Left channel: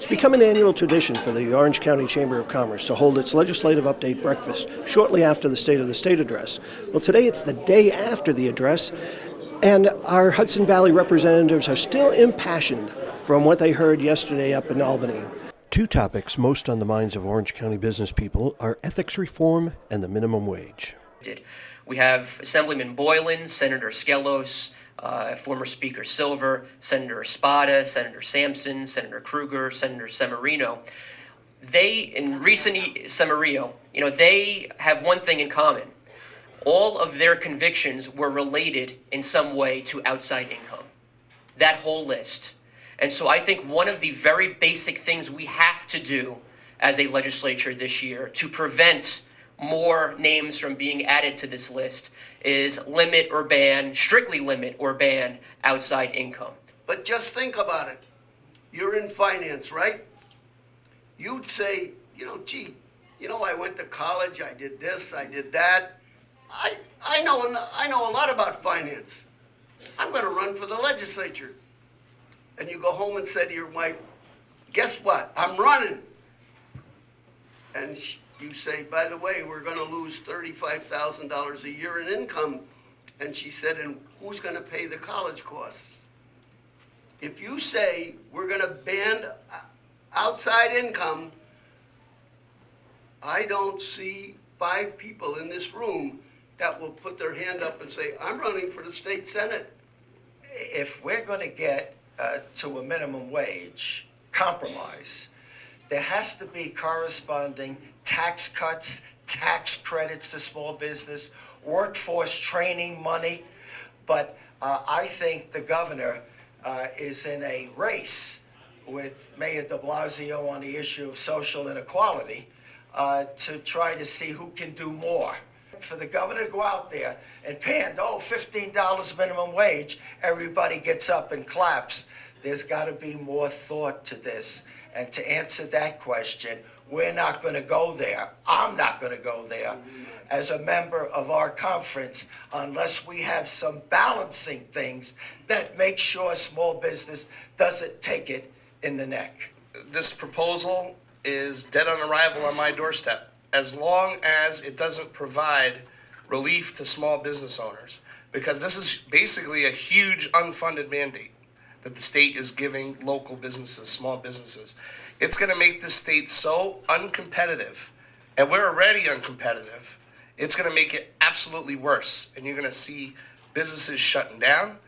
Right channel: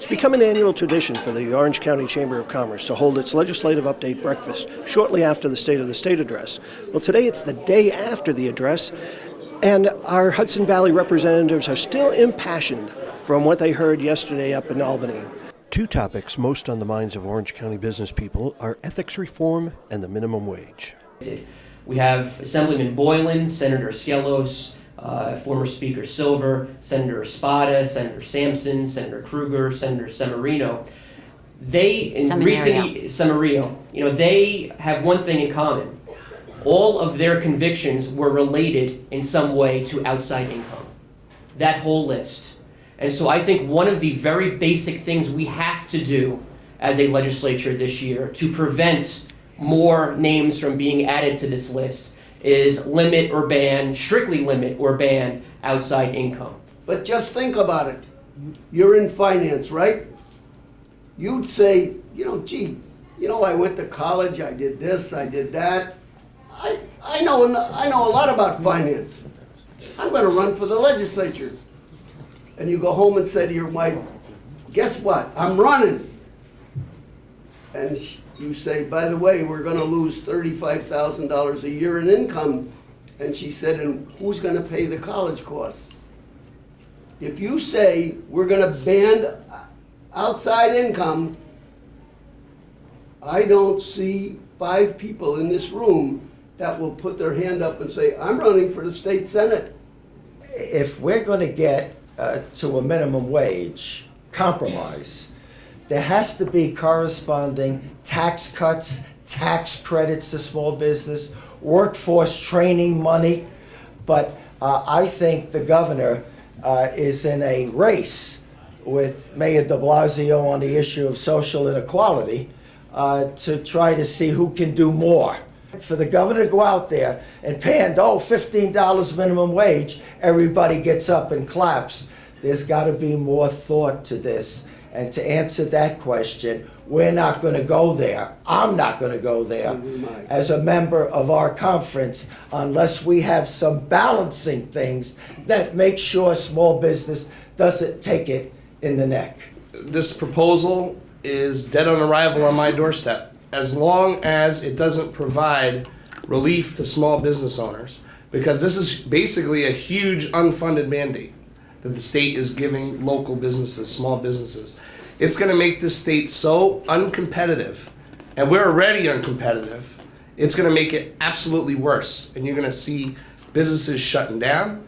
It's become an annual tradition for the Orange County Chamber of Commerce to hold its legislative update breakfast shortly after the State of the State address. Well, today it's the day after the address, and our Hudson Valley representatives are still impassioned from what they heard yesterday up in Albany. Two topics most on the minds of Orange County business people are ethics reform and the minimum wage. We have Assemblyman Boylan, Senator Skelos, former Speaker Silver, Senator Espada, Senator Sampson, Senator Kruger, Senator Semerino. They have one thing in common. All of their convictions were related in some way to outside income. That whole list. And so I think one of the very basic things we have to do as a legislature this year to prevent more names from being added to this list is strictly limit or ban outside income. But just think about it. You're in finance, right? You'd say, I went to college, I did this, I did that. I know a lot about finance. I'm going to run for the legislature. And you go home and say to your wife, guess what? I'm running. And you say, by the way, we're going to lose $35,000 a year in income. And she said, and who's going to pay the college costs? If you say we're going to ban outside income, I don't see 5 people in this room that will put their hand up and say, I'm running for the state senate. If we're going to get to a minimum wage compromise, there has to be corresponding tax cuts, tax credits to small business, workforce training money. But I think the governor is in a race with Mayor de Blasio on the issue of social inequality to try to see who can do more. For the governor to go out there and pay $15 minimum wage, everybody gets up and claps. There's got to be more thought to this. And to answer that question, we're not going to go there. I'm not going to go there as a member of our conference unless we have some balancing things that make sure small business doesn't take it in the neck. This proposal is dead on arrival on my doorstep. As long as it doesn't provide relief to small business owners, because this is basically a huge unfunded mandate that the state is giving local businesses, small businesses. It's going to make this state so uncompetitive, and we're already uncompetitive. It's going to make it absolutely worse, and you're going to see businesses shutting down.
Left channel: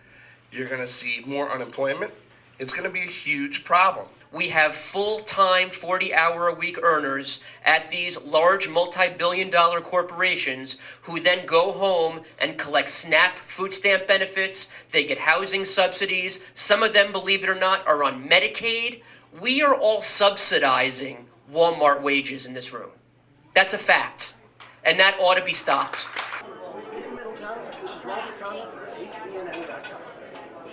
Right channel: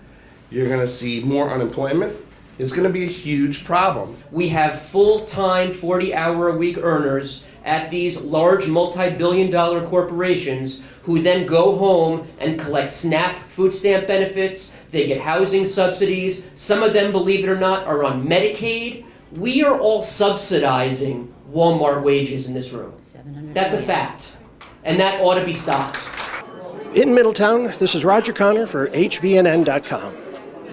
You're going to see more unemployment. It's going to be a huge problem. We have full-time, 40-hour-a-week earners at these large multi-billion-dollar corporations who then go home and collect SNAP food stamp benefits. They get housing subsidies. Some of them, believe it or not, are on Medicaid. We are all subsidizing Walmart wages in this room. That's a fact, and that ought to be stopped. In Middletown, this is Roger Connor for HVNN.com.